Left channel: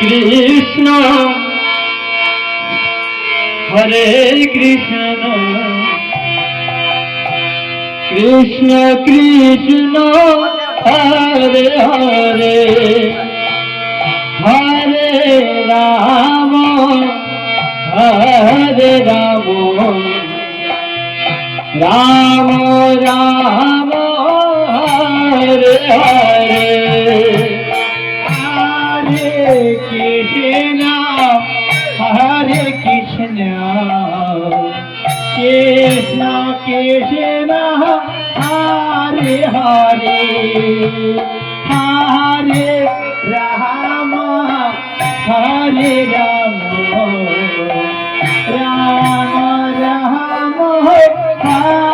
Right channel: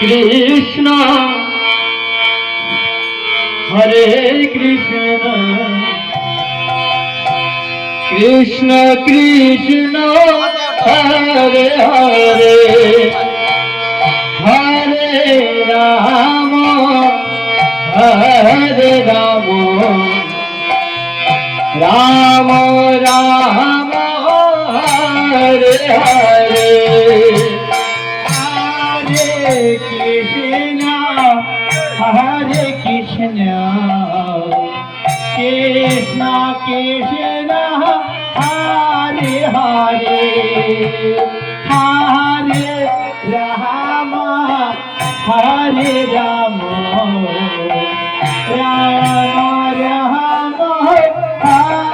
Krishna Hare Krishna Krishna Krishna Hare Hare Hare Rama Hare Rama Rama Rama Hare Hare Hare Krishna Krishna Krishna Hare Hare Hare Rama Hare Rama Rama Rama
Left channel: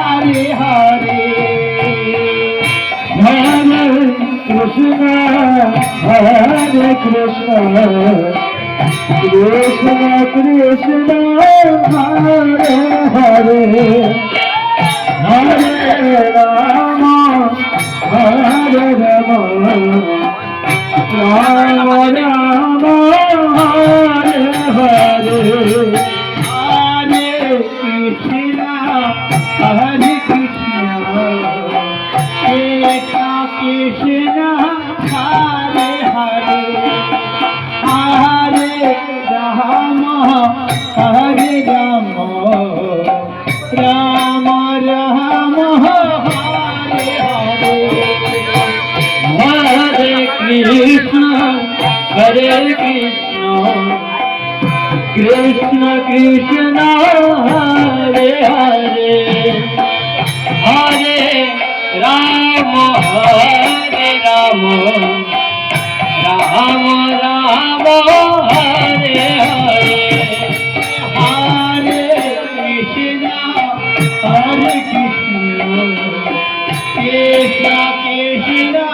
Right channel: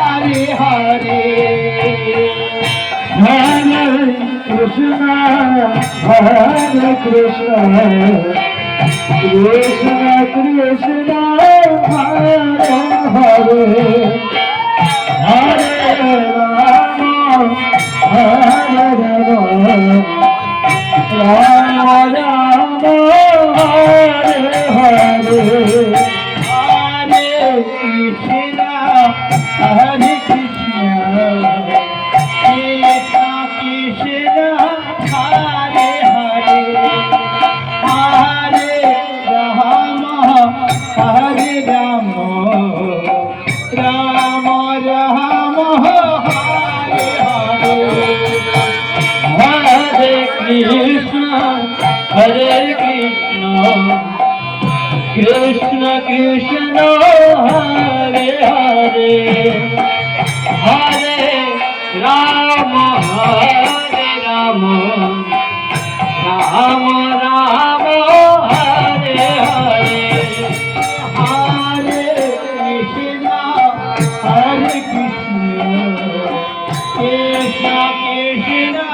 Hare Hare Hare Krishna Krishna Krishna Hare Hare Hare Rama Hare Rama Rama Rama Hare Hare Hare Krishna Hare Krishna Krishna Krishna Hare Hare Hare Rama Hare Rama Rama Rama Hare Hare Hare Krishna Hare Krishna Krishna Krishna Hare Hare Hare Rama Hare Rama Rama Rama Hare Hare Hare Krishna Hare Krishna Krishna Krishna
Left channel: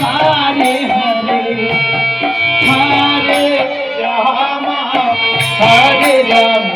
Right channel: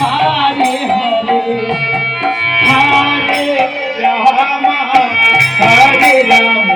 Hare Hare Hare Rama Ram